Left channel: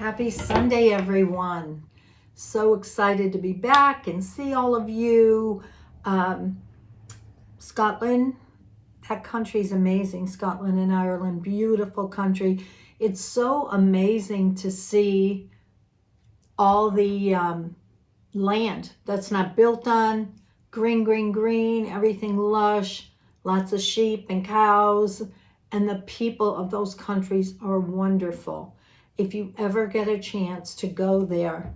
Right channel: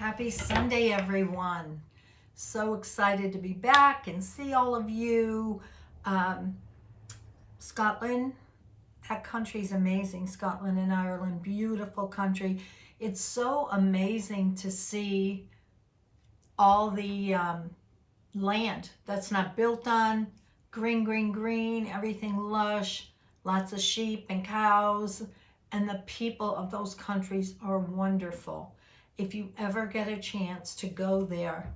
Happy Sunday, everyone. So excited to be back and see all of you. Scotland, that country's amazing. Scotland and Ireland, beautiful country. It's so amazing to see all the land that's not built on. Green, green, green, everything lush, lots of sheep and cows. And the people of those countries are wonderful. If you ever get a chance to go there,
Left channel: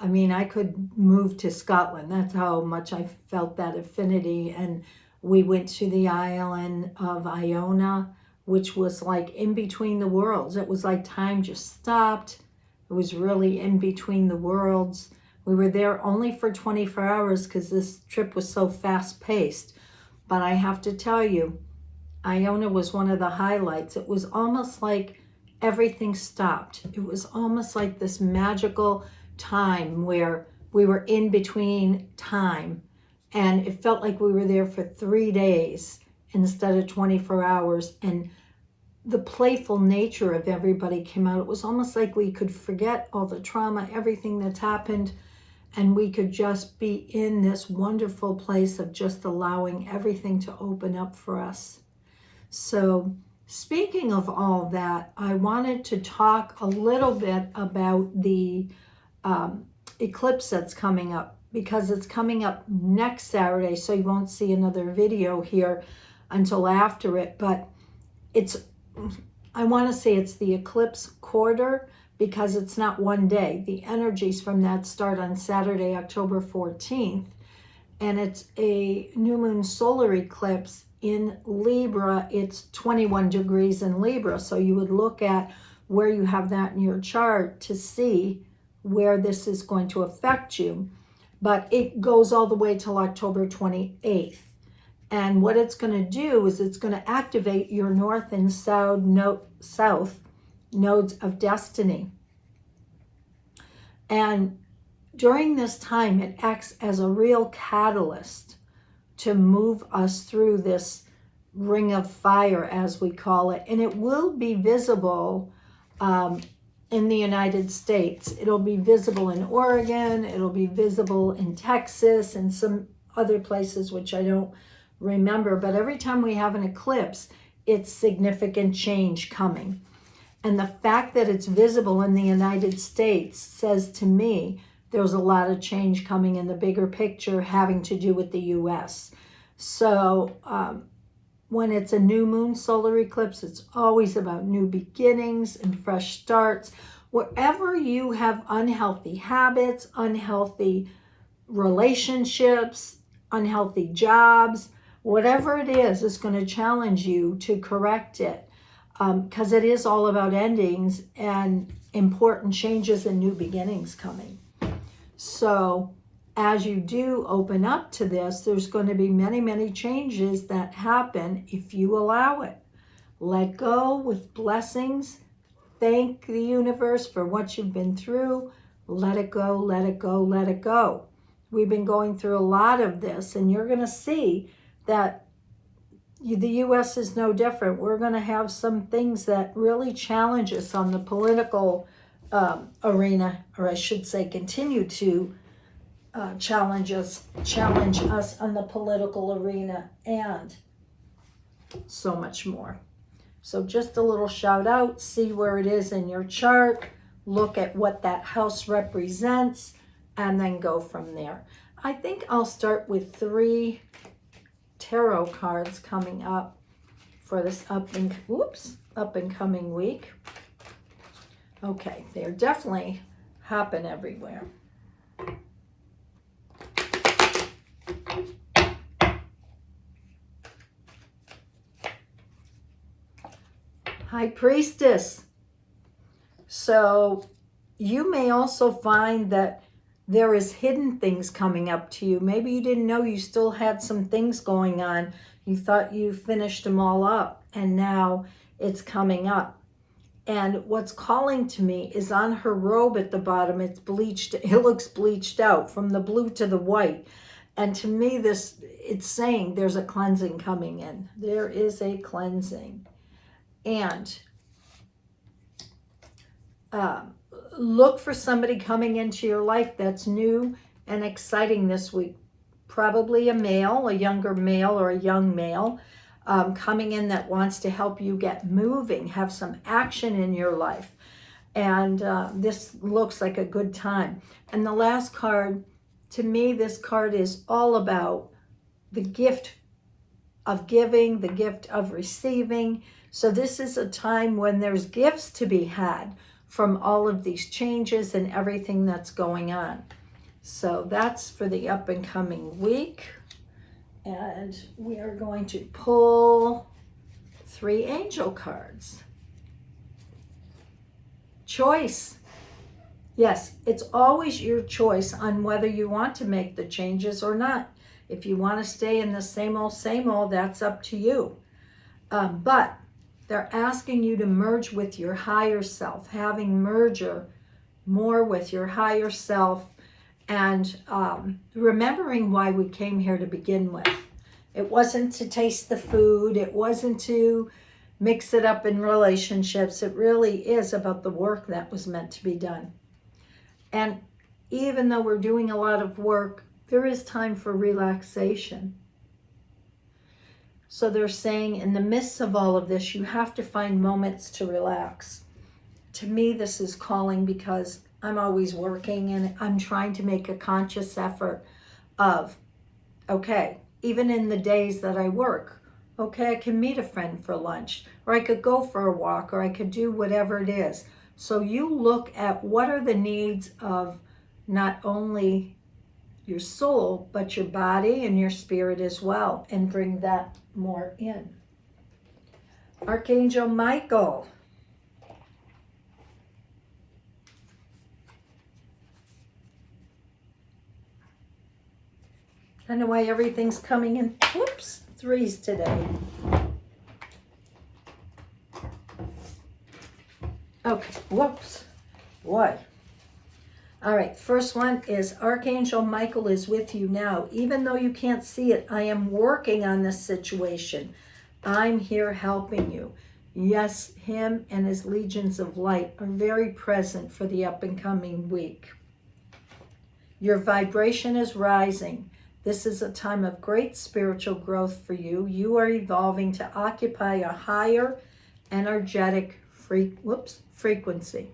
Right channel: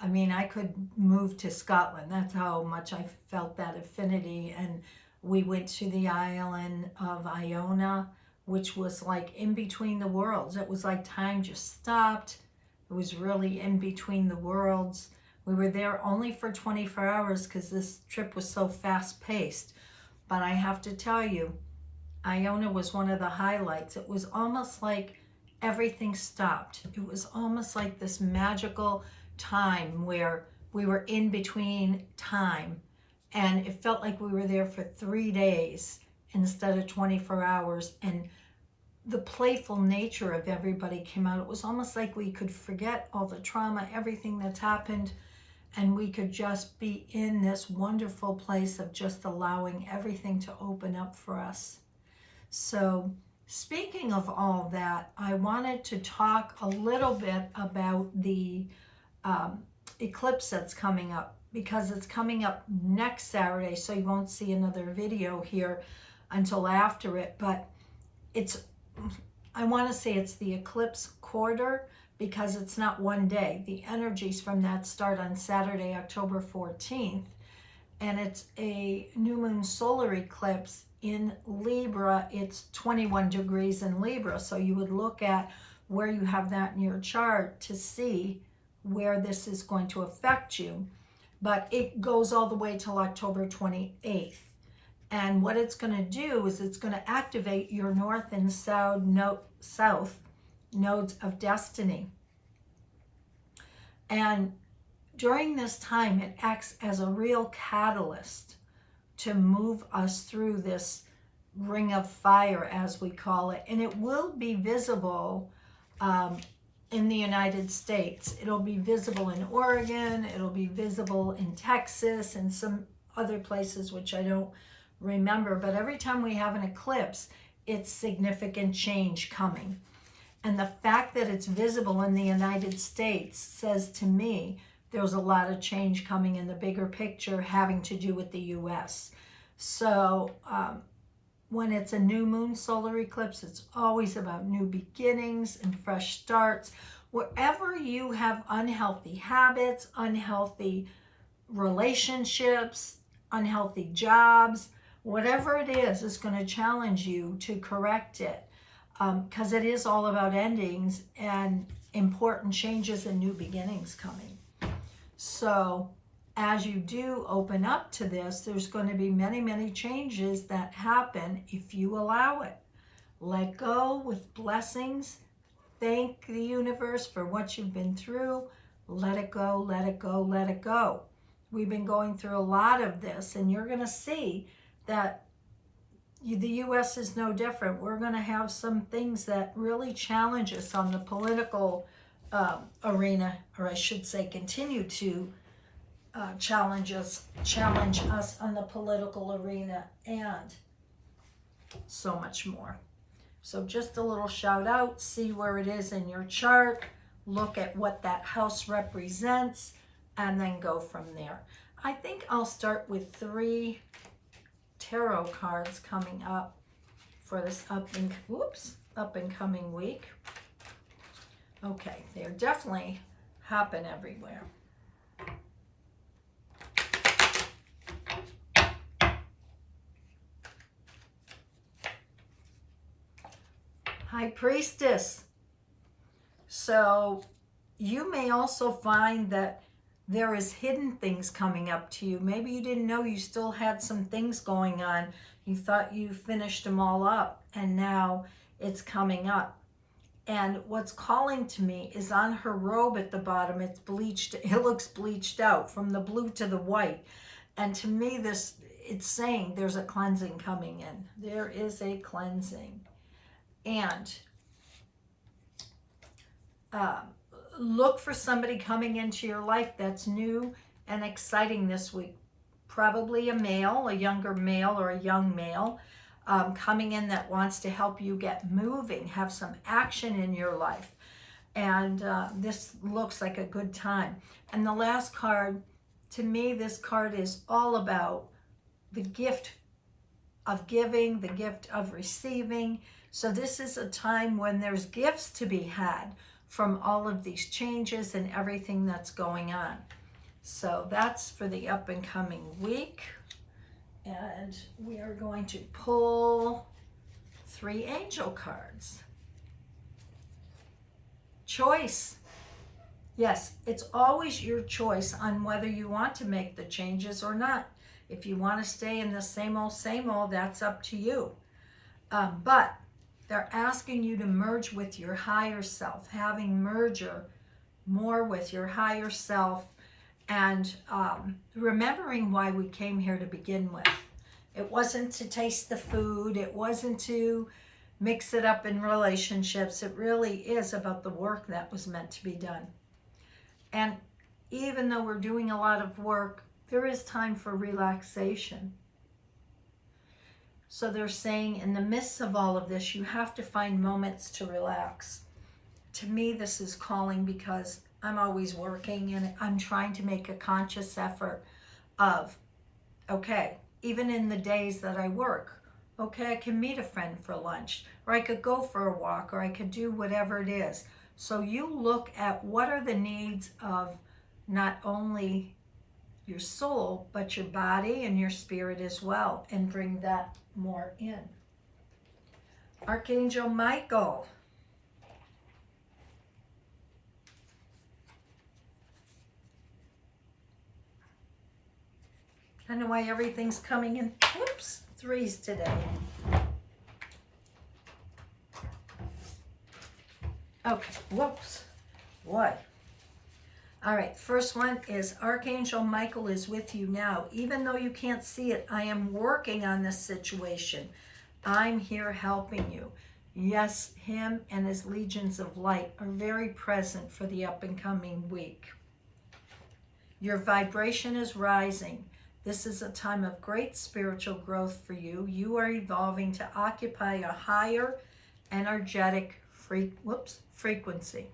I mean, I could move to Scotland. That's how much I felt that affinity. And we went to the island of Iona, which was like in between the worlds. It was like time just stopped. It was really in between the worlds. We were there only for 24 hours because this trip was so fast-paced. But I have to tell you, Iona was one of the highlights. It was almost like everything stopped. It was almost like this magical time where we were in between time, and it felt like we were there for 3 days instead of 24 hours. And the playful nature of everybody came out. It was almost like we could forget all the trauma, everything that's happened, and we could just be in this wonderful place of just allowing everything to open up for us. So speaking of all that, I wanted to talk a little bit about the eclipse that's coming up, because it's coming up next Saturday, so you won't see another video here until after it. But I want to say it's the eclipse quarter, because it's not one day. The energies from that start on Saturday, October 14th, and it's a new moon solar eclipse in Libra. It's 21 degrees in Libra, so you would look at where you have that in your chart to see where this is going to affect you. But it goes all the way till October 28th. And what it's going to do is it's going to activate your north and south nodes of destiny. And during this time, it acts as a real catalyst to move us through this ring of fire, as we call it. And it will be visible in the United States. It'll be visible in Oregon. It'll be visible in Texas and some other places, which I don't remember. But every time we have an eclipse, it's significant change coming. And the fact that it's visible in the United States says to me there's a lot of change coming in the bigger picture having to do with the U.S. So when it's a new moon solar eclipse, it's always about new beginnings and fresh starts. Wherever you have unhealthy habits, unhealthy relationships, unhealthy jobs, whatever it is, it's going to challenge you to correct it, because it is all about endings and important changes and new beginnings coming. So as you do open up to this, there's going to be many, many changes that happen if you allow it. Let go with blessings. Thank the universe for what you've been through. Let it go, let it go, let it go. We've been going through a lot of this, and you're going to see that the U.S. is no different. We're going to have some things that really challenge us on the political arena, or I should say continue to challenge us on the political arena, and so much more. So just a little shout out, see where it is in your chart, look at what that house represents, and then go from there. I think I'll start with 3 tarot cards coming up for this up and coming week. Okay, they're definitely happen everywhere. High Priestess. So you may also find that there is hidden things coming up to you. Maybe you didn't know you still had some things going on. You thought you finished them all up, and now it's coming up. And what's calling to me is on her robe at the bottom, it's bleached. It looks bleached out from the blue to the white. And to me, it's saying there's a cleansing coming in. There is a cleansing. And look for somebody coming into your life that's new and exciting this week. Probably a male, a younger male or a young male coming in that wants to help you get moving, have some action in your life. And this looks like a good time. And the last card, to me, this card is all about the gift of giving, the gift of receiving. So this is a time when there's gifts to be had from all of these changes and everything that's going on. So that's for the up and coming week. And we are going to pull 3 angel cards. Choice. Yes, it's always your choice on whether you want to make the changes or not. If you want to stay in the same old, that's up to you. But they're asking you to merge with your higher self, having merger more with your higher self, and remembering why we came here to begin with. It wasn't to taste the food. It wasn't to mix it up in relationships. It really is about the work that was meant to be done. And even though we're doing a lot of work, there is time for relaxation. So they're saying in the midst of all of this, you have to find moments to relax. To me, this is calling because I'm always working and I'm trying to make a conscious effort of, okay, even in the days that I work, okay, I can meet a friend for lunch, or I could go for a walk, or I could do whatever it is. So you look at what are the needs of not only your soul, but your body and your spirit as well, and bring that more in. Archangel Michael. I don't know why everything's coming in, whoops, 3s today. Okay, whoops, boy. All right, first one is Archangel Michael is with you now. Even though you can't see it, I am working on this situation. I'm here helping you. Yes, him and his legions of light are very present for the up and coming week. Your vibration is rising. This is a time of great spiritual growth for you. You are evolving to occupy a higher energetic frequency.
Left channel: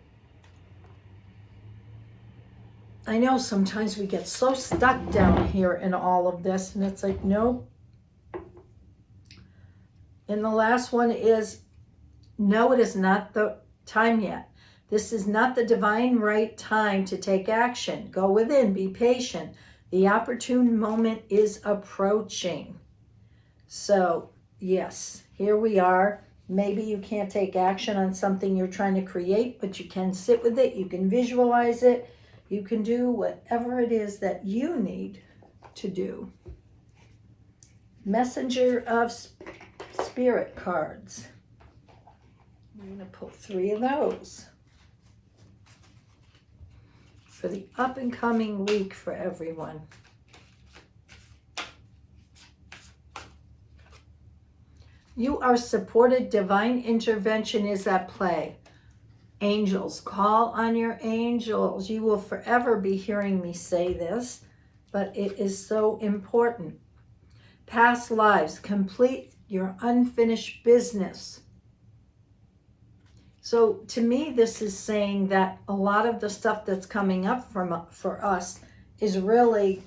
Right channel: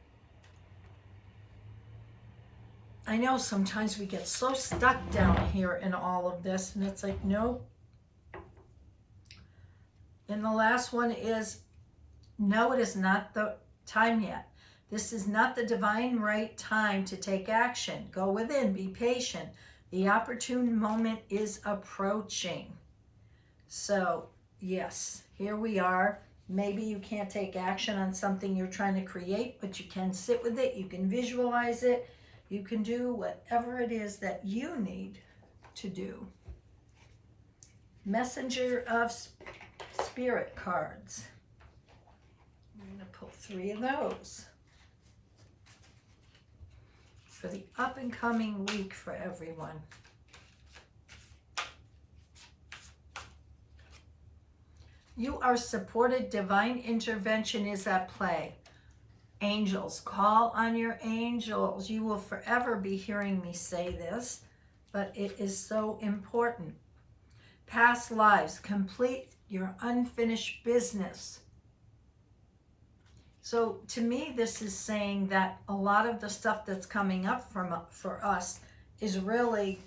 I know sometimes we get so stuck down here in all of this, and it's like, no. And the last one is, no, it is not the time yet. This is not the divine right time to take action. Go within, be patient. The opportune moment is approaching. So, yes, here we are. Maybe you can't take action on something you're trying to create, but you can sit with it. You can visualize it. You can do whatever it is that you need to do. Messenger of Spirit cards. I'm going to pull 3 of those for the up and coming week for everyone. You are supported. Divine intervention is at play. Angels, call on your angels. You will forever be hearing me say this, but it is so important. Past lives, complete your unfinished business. So to me, this is saying that a lot of the stuff that's coming up for us is really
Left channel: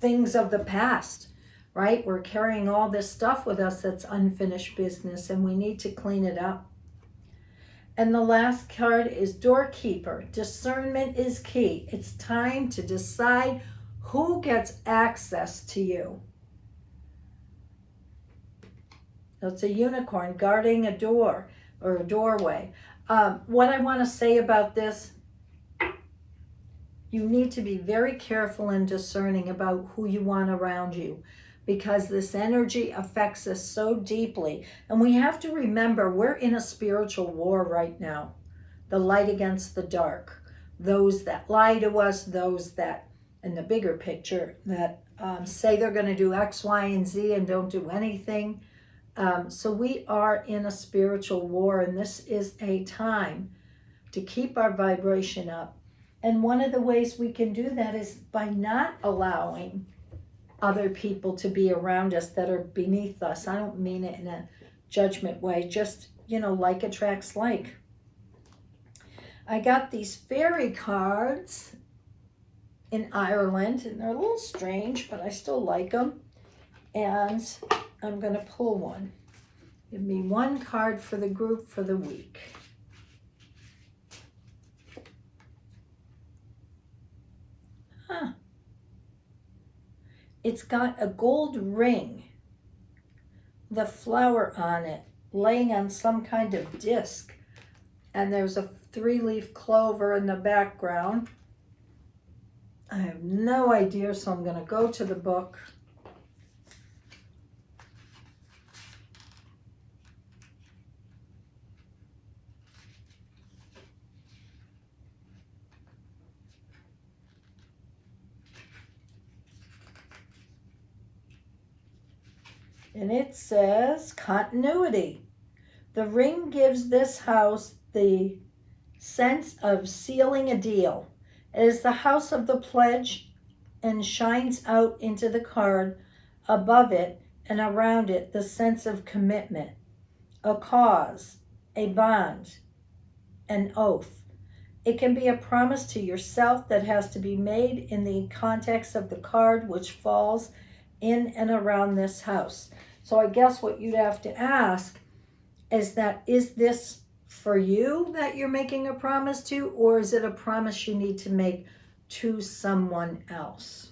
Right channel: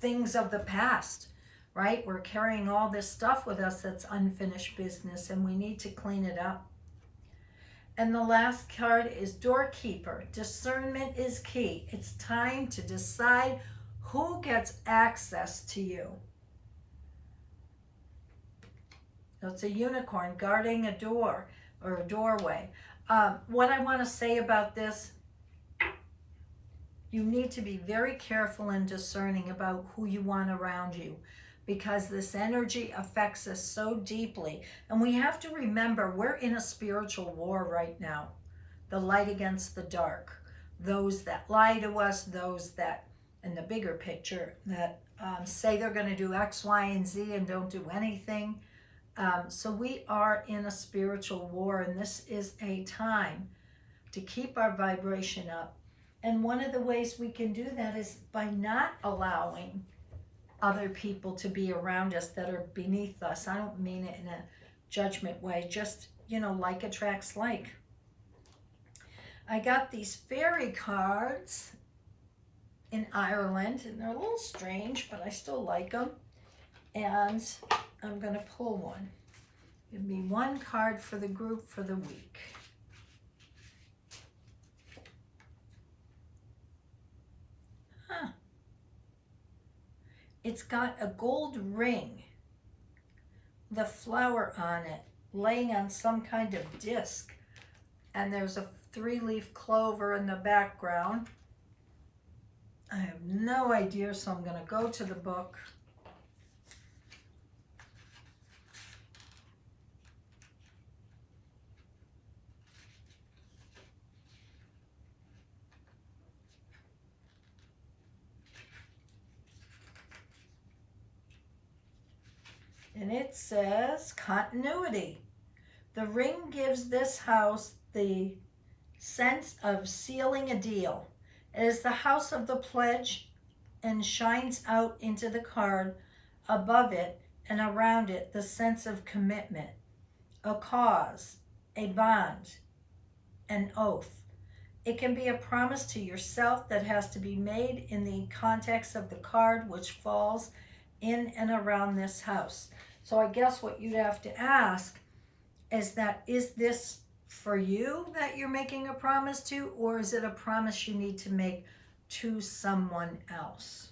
things of the past, right? We're carrying all this stuff with us that's unfinished business, and we need to clean it up. And the last card is Doorkeeper. Discernment is key. It's time to decide who gets access to you. So it's a unicorn guarding a door or a doorway. What I want to say about this, you need to be very careful and discerning about who you want around you, because this energy affects us so deeply. And we have to remember we're in a spiritual war right now. The light against the dark. Those that lie to us, those that, in the bigger picture, that say they're going to do X, Y, and Z and don't do anything. So we are in a spiritual war, and this is a time to keep our vibration up. And one of the ways we can do that is by not allowing other people to be around us that are beneath us. I don't mean it in a judgment way, just, like attracts like. I got these fairy cards in Ireland, and they're a little strange, but I still like them. And I'm going to pull one. Give me one card for the group for the week. It's got a gold ring, the flower on it, laying on some kind of disc. And there's a 3-leaf clover in the background. I have no idea, so I'm going to go to the book. And it says continuity. The ring gives this house the sense of sealing a deal. It is the house of the pledge and shines out into the card above it and around it the sense of commitment, a cause, a bond, an oath. It can be a promise to yourself that has to be made in the context of the card, which falls in and around this house. So I guess what you'd have to ask is this for you that you're making a promise to, or is it a promise you need to make to someone else?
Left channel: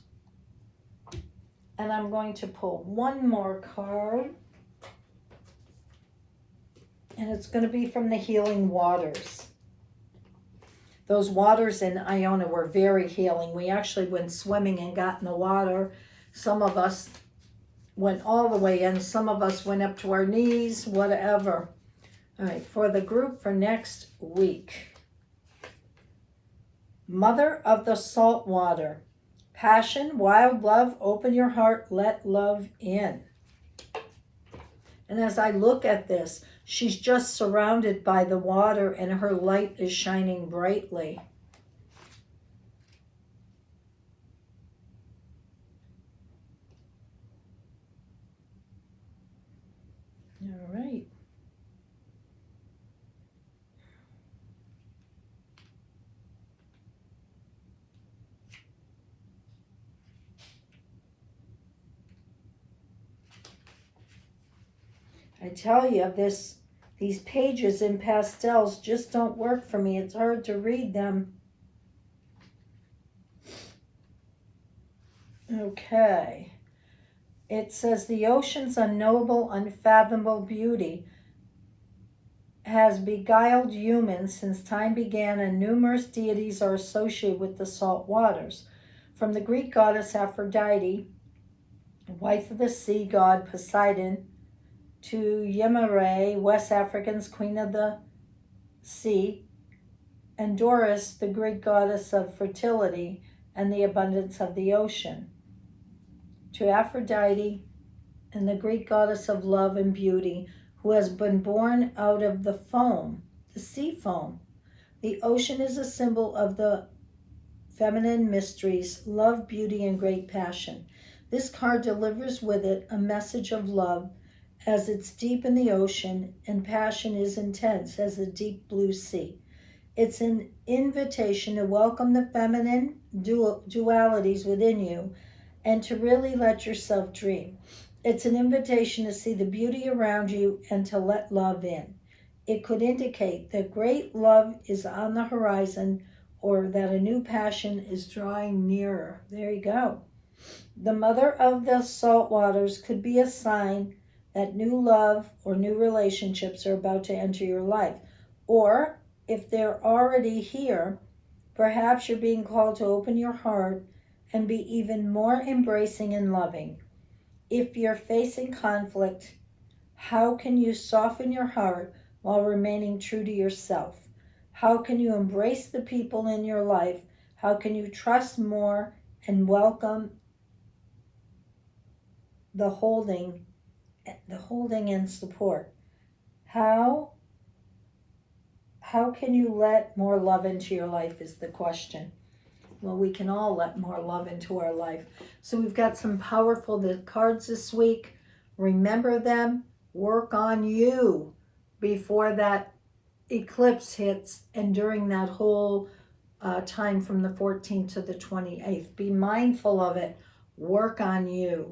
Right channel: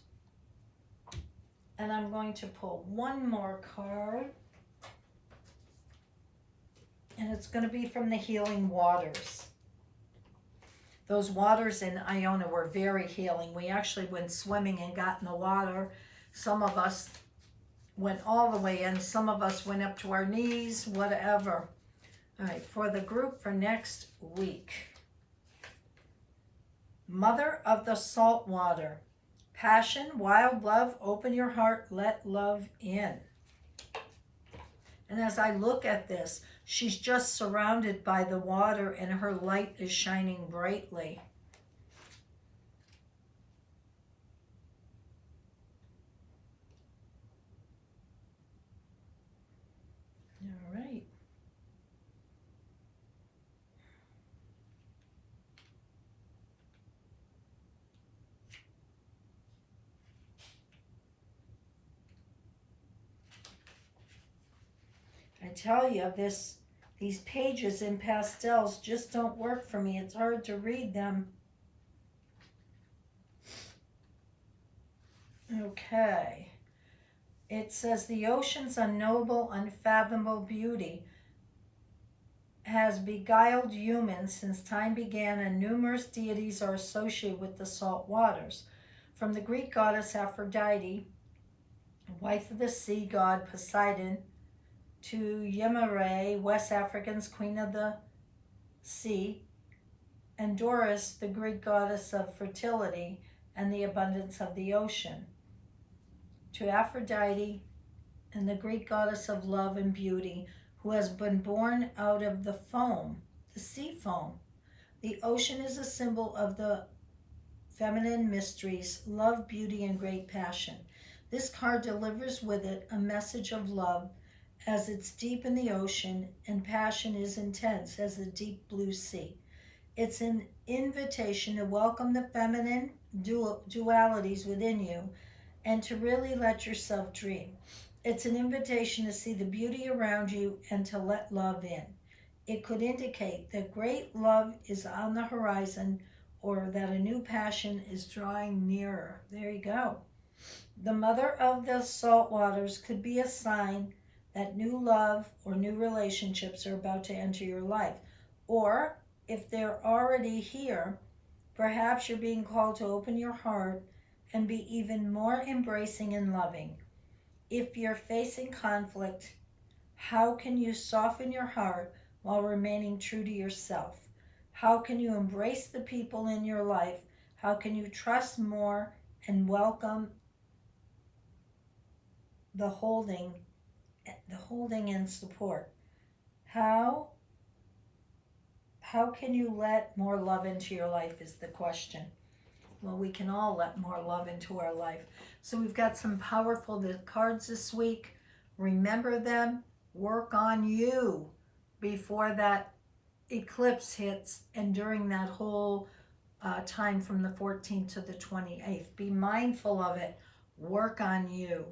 And I'm going to pull one more card, and it's going to be from the Healing Waters. Those waters in Iona were very healing. We actually went swimming and got in the water. Some of us went all the way in. Some of us went up to our knees, whatever. All right, for the group for next week. Mother of the salt water. Passion, wild love, open your heart, let love in. And as I look at this, she's just surrounded by the water and her light is shining brightly. All right. I tell you, these pages in pastels just don't work for me. It's hard to read them. Okay. It says the ocean's unknowable, unfathomable beauty has beguiled humans since time began, and numerous deities are associated with the salt waters. From the Greek goddess Aphrodite, wife of the sea god Poseidon, to Yemare, West African's queen of the sea, and Doris, the Greek goddess of fertility and the abundance of the ocean, to Aphrodite and the Greek goddess of love and beauty, who has been born out of the foam, the sea foam. The ocean is a symbol of the feminine mysteries, love, beauty, and great passion. This card delivers with it a message of love, as it's deep in the ocean, and passion is intense as the deep blue sea. It's an invitation to welcome the feminine dualities within you and to really let yourself dream. It's an invitation to see the beauty around you and to let love in. It could indicate that great love is on the horizon or that a new passion is drawing nearer. There you go. The mother of the salt waters could be a sign that new love or new relationships are about to enter your life. Or if they're already here, perhaps you're being called to open your heart and be even more embracing and loving. If you're facing conflict, how can you soften your heart while remaining true to yourself? How can you embrace the people in your life? How can you trust more and welcome the holding and support? How how can you let more love into your life is the question. Well, we can all let more love into our life. So we've got some powerful cards this week. Remember them. Work on you before that eclipse hits and during that whole time from the 14th to the 28th. Be mindful of it. Work on you.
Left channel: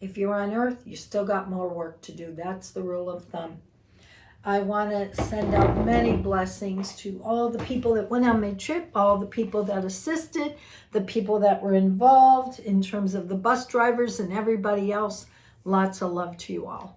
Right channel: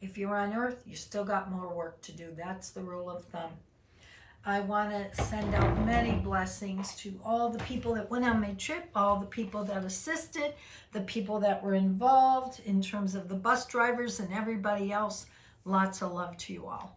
If you're on Earth, you still got more work to do. That's the rule of thumb. I want to send out many blessings to all the people that went on my trip, all the people that assisted, the people that were involved in terms of the bus drivers and everybody else. Lots of love to you all.